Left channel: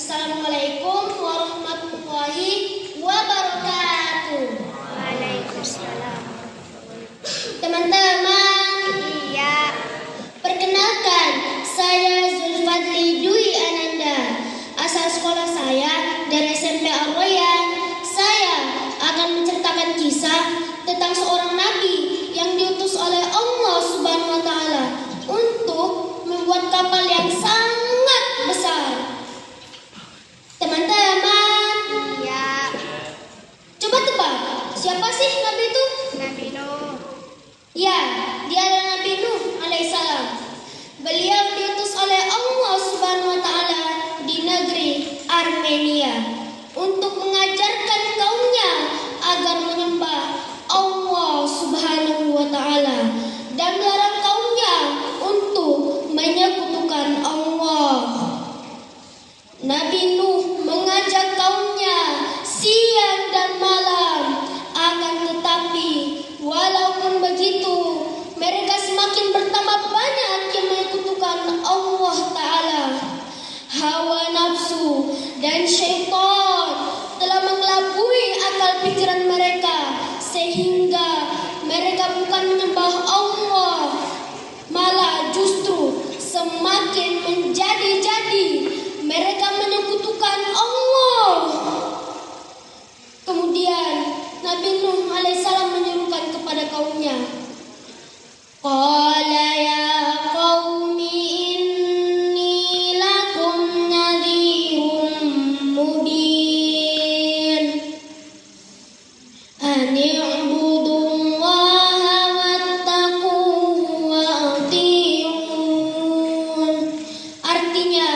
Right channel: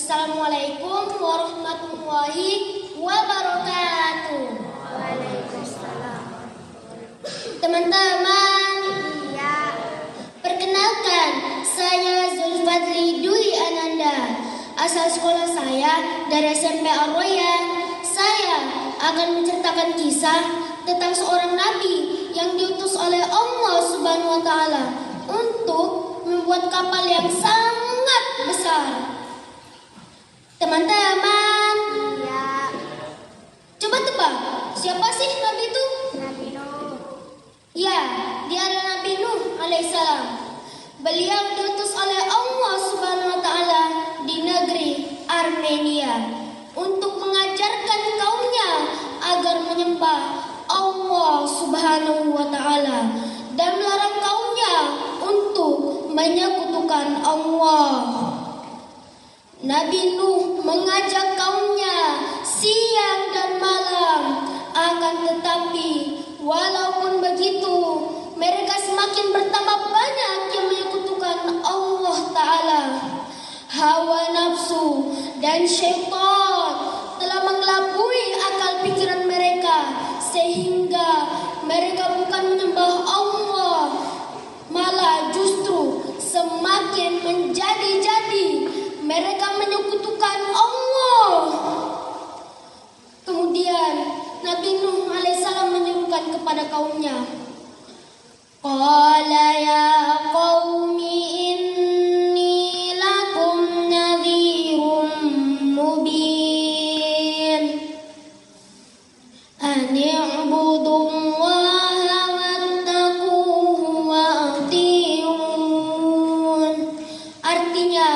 Assalamualaikum warahmatullahi wabarakatuh. Waalaikumsalam. Teman-teman, Iya. perkenalkan, saya Zulfadli Dwi Ananda. Asal sekolah saya dari SMP Al-Royan. Saya akan menceritakan kisah tentang seorang nabi yang diutus oleh Allah Subhanahu wa taala untuk membuat kapal yang sangat besar. Teman-teman, Iya. coba tebak, siapa sih nabi itu? Nabi Nuh. Ya, dia adalah Nabi Nuh alaihissalam. Beliau diutus oleh Allah Subhanahu wa taala di negeri Armenia untuk mengajarkan kaumnya agar menyembah Allah Subhanahu wa taala dan melarang kaumnya untuk menyekutukan Allah. Nabi Nuh mengajak kaumnya siang dan malam, akan tetapi walaupun begitu mereka semakin bertambah banyak yang menyekutukan Allah Ta'ala. Hawa nafsu dan syaitan telah mengelabui akal pikiran mereka sehingga mereka bukan menyembah Allah, malah justru semakin menjadi-jadi mereka menyekutukan Allah. Kemudian Nabi Nuh alaihissalam menyerukan kepada kaumnya, Qala ya qaumi inni lakum nadhirum mubin an i'budullaha wattaquhu wa ati'un. Artinya,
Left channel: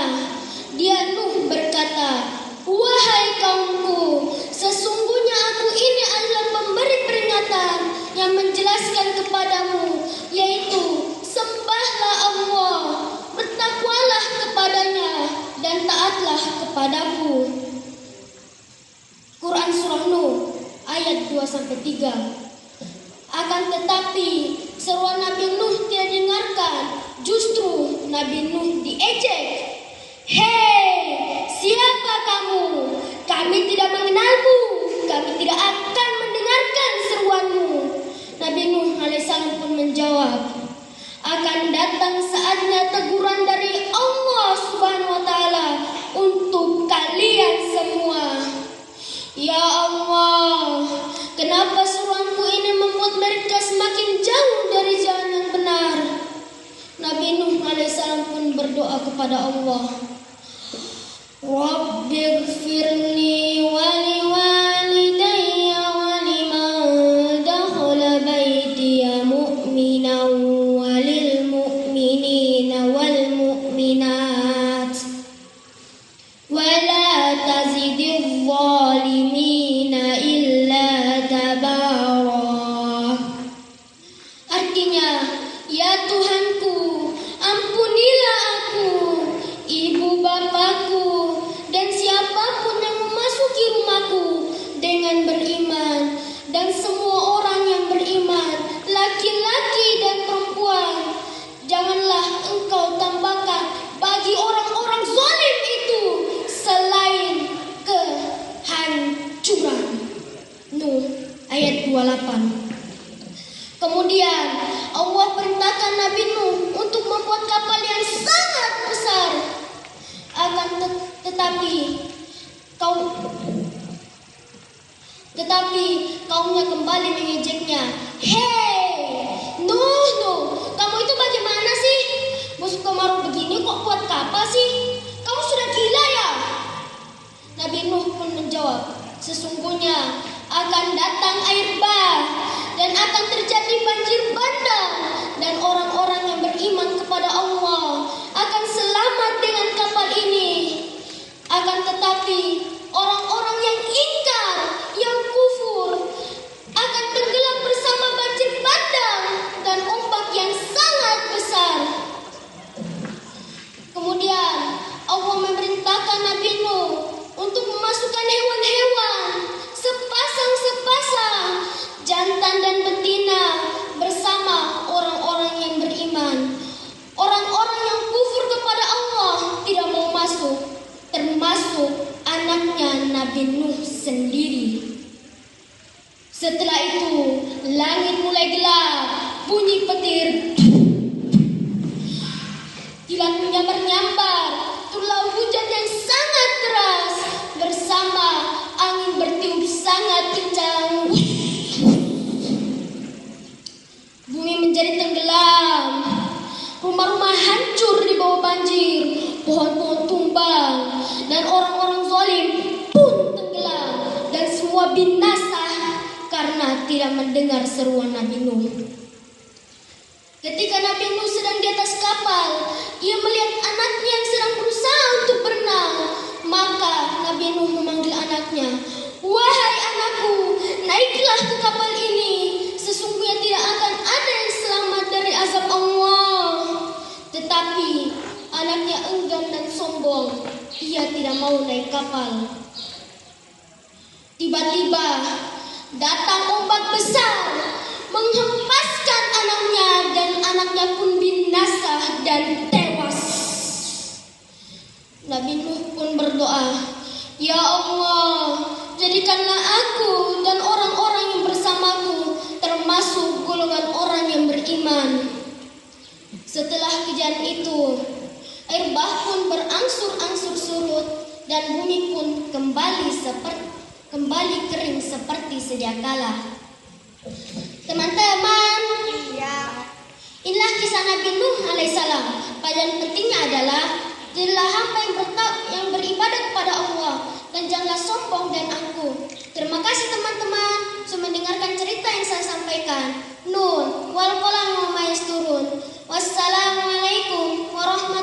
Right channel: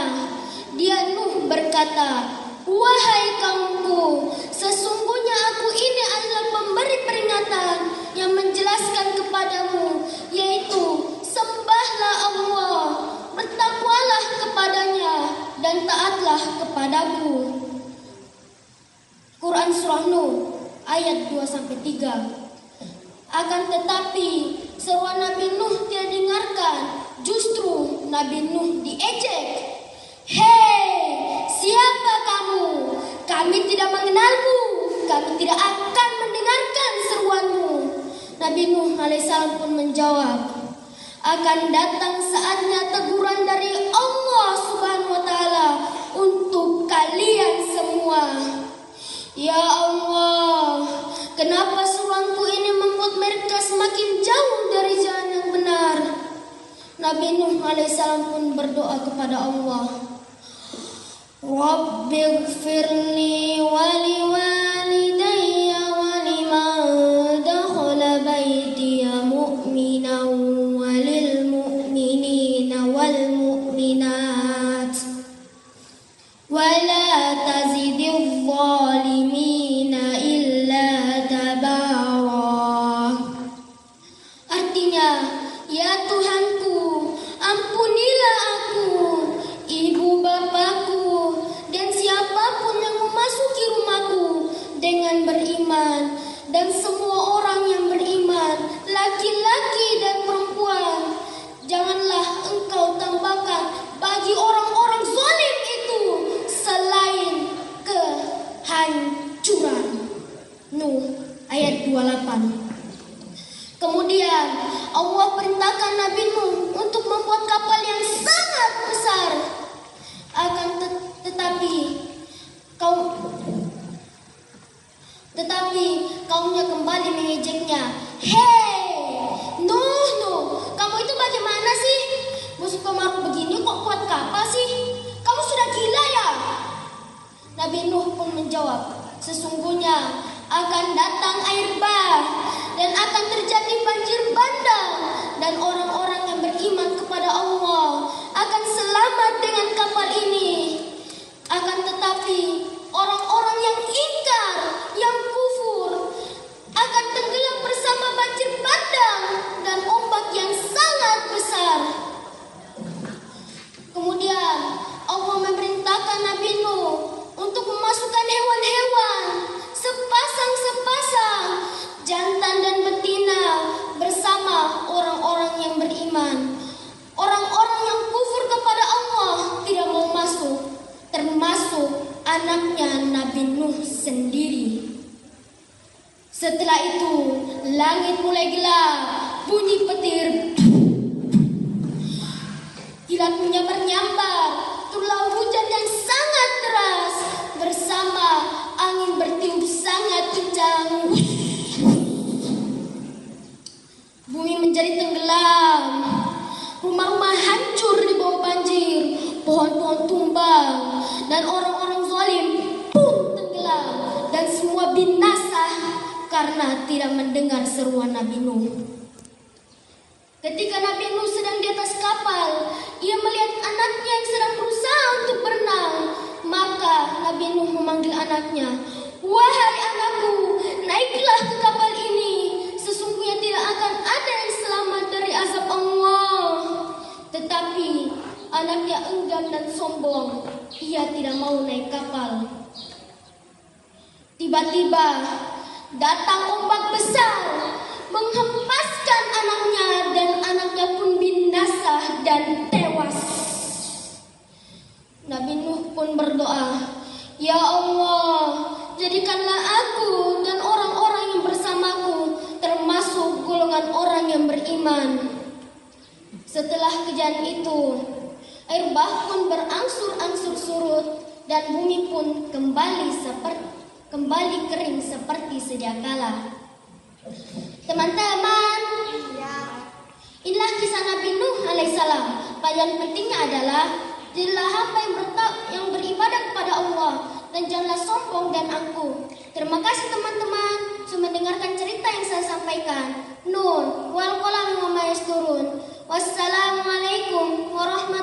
dia Nuh berkata, wahai kaumku, sesungguhnya aku ini adalah pemberi peringatan yang menjelaskan kepadamu, yaitu sembahlah Allah, bertakwalah kepadanya, dan taatlah kepadaku. Quran Surah Nuh ayat 2-3. Akan tetapi seruan Nabi Nuh tidak didengarkan, justru Nabi Nuh diejek. Hei, siapa kamu? Kami tidak mengenalmu, kami tidak akan mendengarkan seruanmu. Nabi Nuh alaihissalam pun menjawab, akan datang saatnya teguran dari Allah Subhanahu wa taala untuk kalian semua. Ya Allah, kenapa seruanku ini membuat mereka semakin jauh dari jalan yang benar? Nabi Nuh alaihissalam pun berdoa kepada Allah, Rabbighfirli wa liwalidayya wa liman dakhala baytiya mu'minan wa lil mu'minina wal mu'minat wa la tazidil zalimina illa tabara. Artinya, ya Tuhanku, ampunilah aku, ibu bapakku, dan siapapun yang memasuki rumahku dengan beriman, dan semua orang yang beriman, laki-laki dan perempuan. Janganlah engkau tambahkan bagi orang-orang zalim itu selain kehancuran. Nuh ayat 28. Kemudian Allah perintahkan Nabi Nuh untuk membuat kapal yang sangat besar. Tetapi kaumnya kembali mengejeknya. Hei, Nuh, kamu itu bagaimana sih? Musim kemarau begini kok buat kapal sih? Kamu sudah gila ya? Nabi Nuh pun menjawab, sesungguhnya akan datang air bah dan akan terjadi banjir bandang, dan orang-orang yang beriman kepada Allah akan selamat dengan kapal ini. Akan tetapi orang-orang yang ingkar, yang kufur, akan tenggelam bersama banjir bandang dan ombak yang sangat besar. Kemudian Allah memerintahkan Nabi Nuh untuk memasukkan hewan-hewan sepasang-sepasang, jantan dan betina, bersama orang-orang yang beriman. Orang-orang yang kufur kepada Allah tidak mau masuk, termasuk Kilat menyambar-nyambar, turunlah hujan yang sangat deras, bersama angin bertiup sangat kencang. Bumi menjadi tenggelam, rumah-rumah hancur di bawah banjir, pohon-pohon tumbang, dan orang-orang zalim pun tenggelam, dan semua binasa karena tidak mendengar seruan Nabi Nuh. Ketika Nabi Nuh sedang di atas kapal, ia melihat anaknya yang sedang berusaha untuk berenang. Maka Nabi Nuh memanggil anaknya, "Wahai anakku, naiklah ke kapal ini. Sesungguhnya tidak akan ada yang selamat dari azab Allah." Tetapi anaknya enggan dan sombong. Ia tidak mau naik kapal. Tiba-tiba datang ombak besar, menghempaskan anaknya, dan anaknya pun binasa dan tewas. Nabi Nuh pun berdoa, "Ya Allah, jadikanlah aku dan orang-orang yang bersamaku termasuk golongan orang yang beriman." Setelah kejadian itu, air bah pun berangsur-angsur surut dan bumi pun kembali kering seperti sedia kala. Teman-teman, Iya. inilah kisah Nabi Nuh alaihissalam. Pelajaran pentingnya adalah jadilah hamba yang beribadah kepada Allah dan janganlah sombong dan angkuh. Terima kasih teman-teman sudah mendengarkan cerita yang saya sampaikan. Nun wal qalam wa ma yasturun. Wassalamualaikum warahmatullahi